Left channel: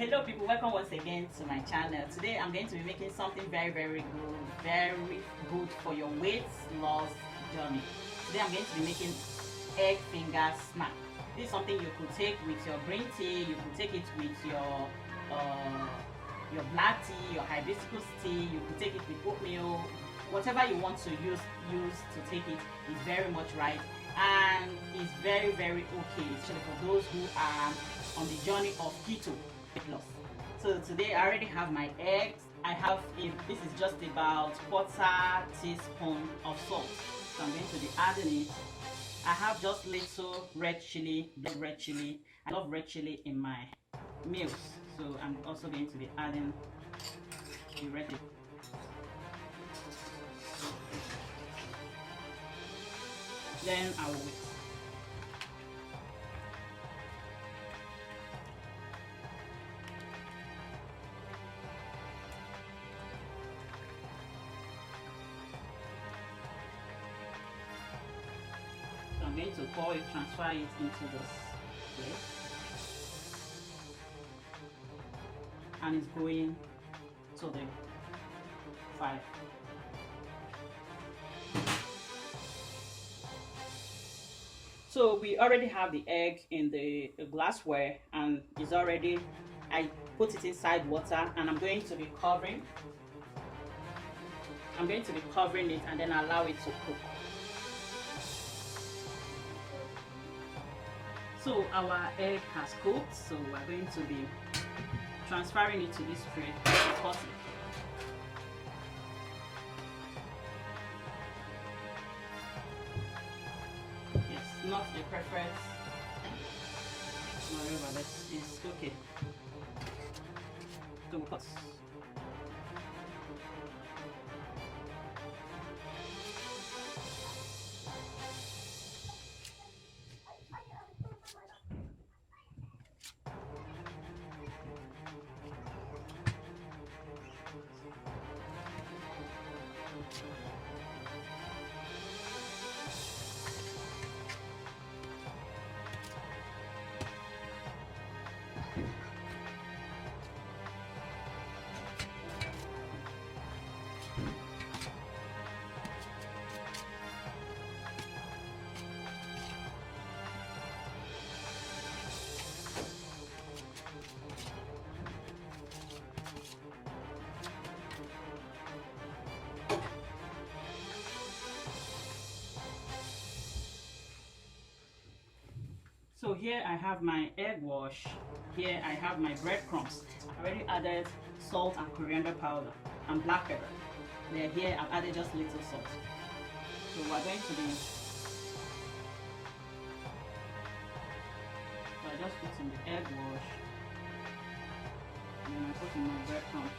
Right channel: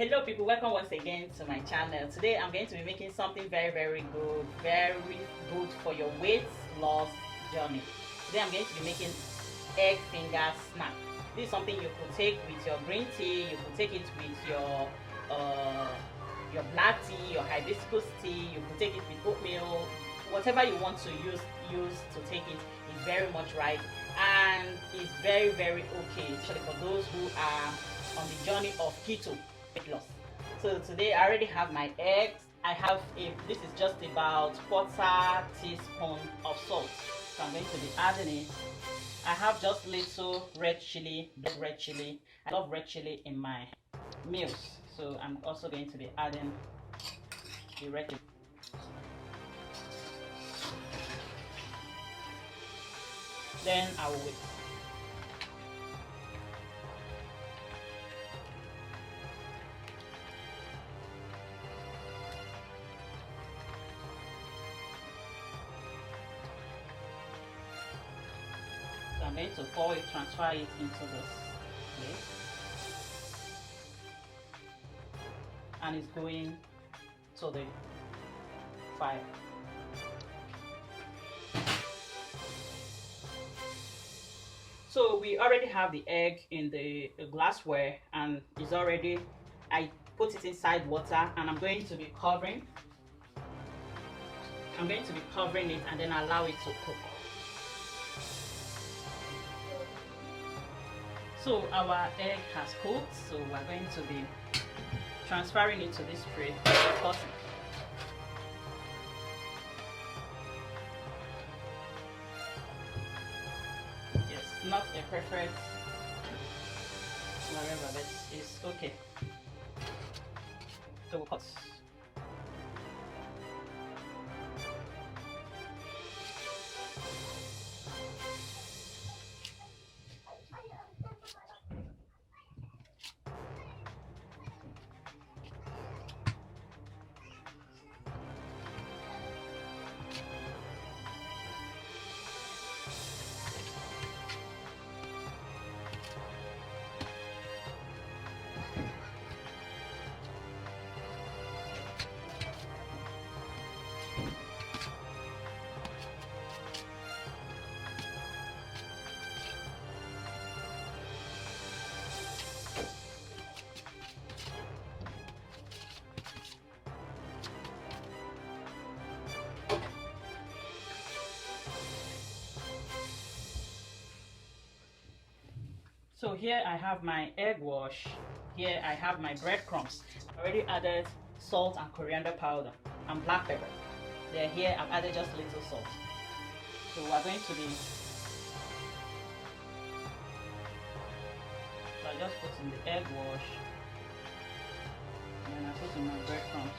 Hello people, welcome once again to my channel. Today I'm going to be making something very good, for your weight loss journey. Today I'm going to be making egg finger snack. This is something you could take with your green tea, you could take it with your black tea, your hibiscus tea, you could take it with oatmeal, whatever you want to use to take it is very much right, and it's very okay, especially for those who are on the journey of keto weight loss. So today I already have my eggs. This is just about quarter teaspoon of salt, so I'm going to be adding it. I have just little red chili, big red chili. I love red chili in my meals, so I'm also going to be adding the red chili. Then I will wait. So I'm going to pour it, transfer it into this place, and it's going to the fire. So we already have the egg in the glassware, and it's already, I put it inside water, and I'm going to be covering it and then allow it to cook. So our egg has cooked, so we're going to be transferring it to this tray. Yes, not a perfect whatever, but it's okay. So we cut. So here I have my egg wash. Here I have my breadcrumbs. I already added salt and coriander powder and black pepper. Then here I've added just little salt. So we're going to be, so I just put in the egg wash, and then I put in my breadcrumbs.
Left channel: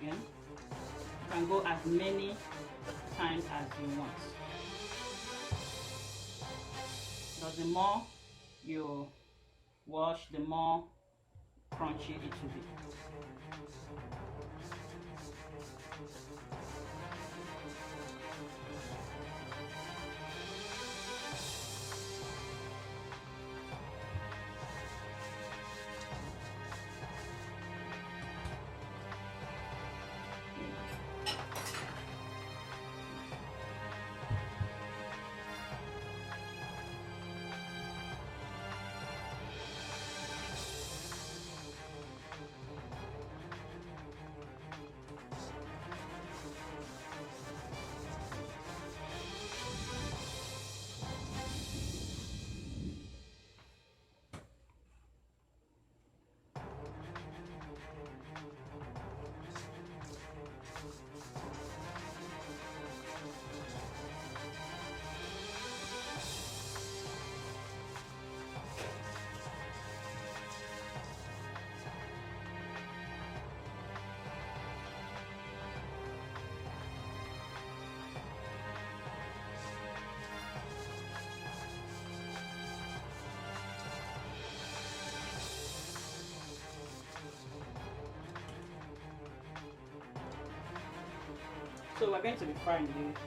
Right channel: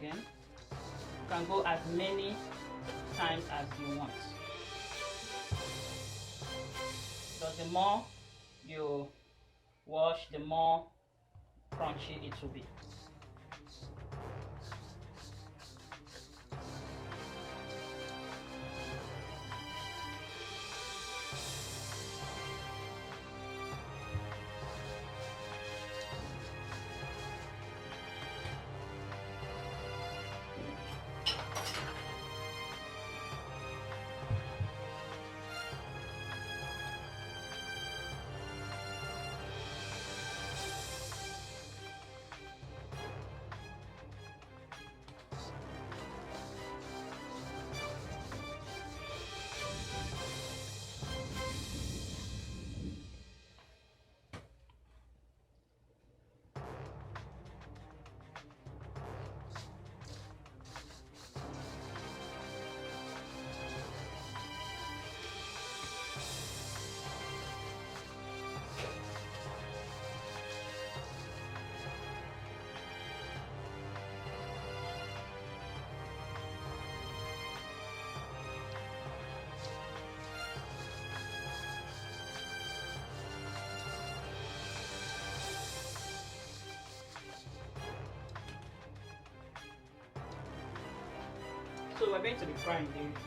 Again, you can go as many times as you want, but the more you wash, the more crunchy it will be. So we're going to be frying this.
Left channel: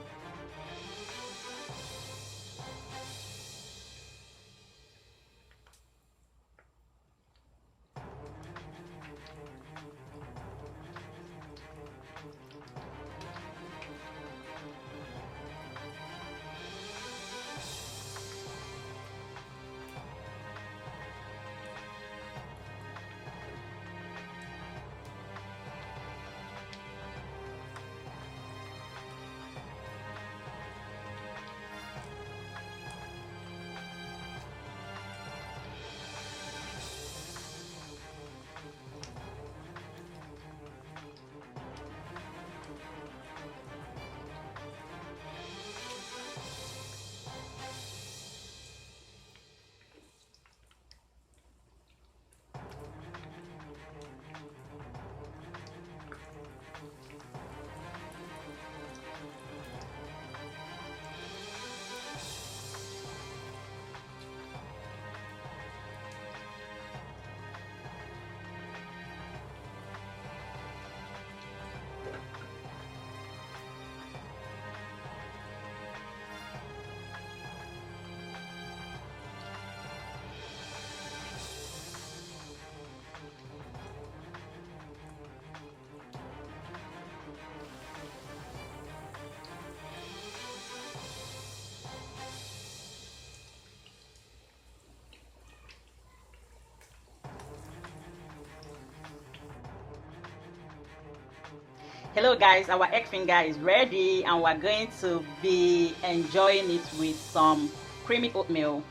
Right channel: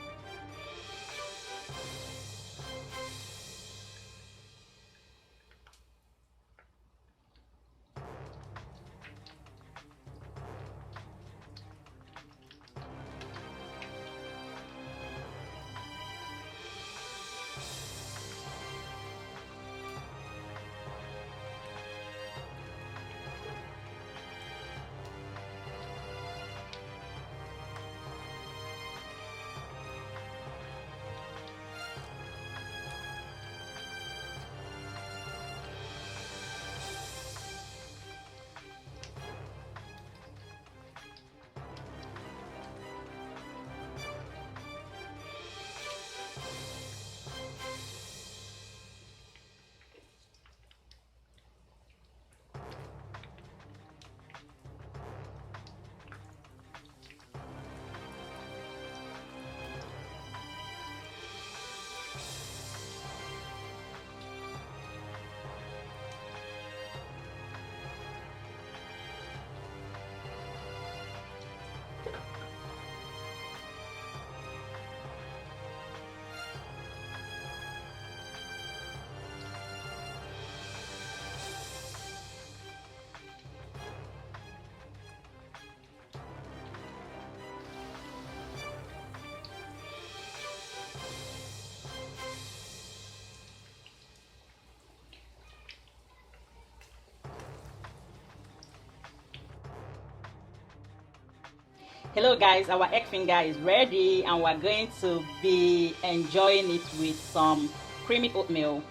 Hello guys, our egg finger is ready and we're going to be enjoying it with some creamy oatmeal.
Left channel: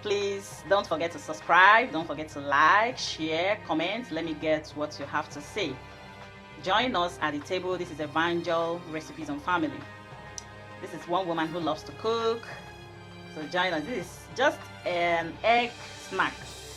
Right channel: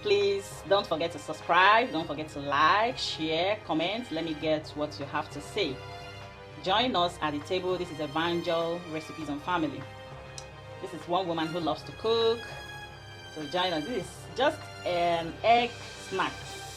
Please don't forget to subscribe, don't forget to like, share, comment. Let me get what you have to say. Join us at the table. This is Evangel Recipes and Family. This is one woman who loves to cook. So join us. This is just an egg snack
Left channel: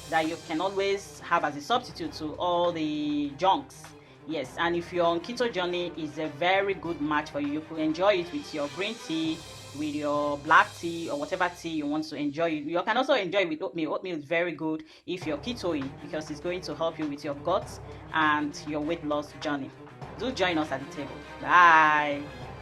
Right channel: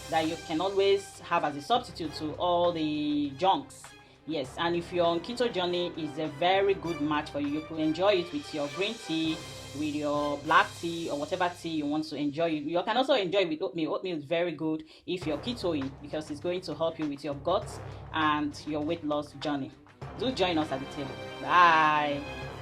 that you can always have as a substitute to all the junks. Yes, and if you're on keto journey, it's a very good match for you. You could enjoy it with your green tea, with your black tea, or whatever tea you want to enjoy. You can also enjoy it with oatmeal. Oatmeal is very good if you're ketoing because it's going to help you with your guts and your weight loss journey. Do join us at the table. Bye.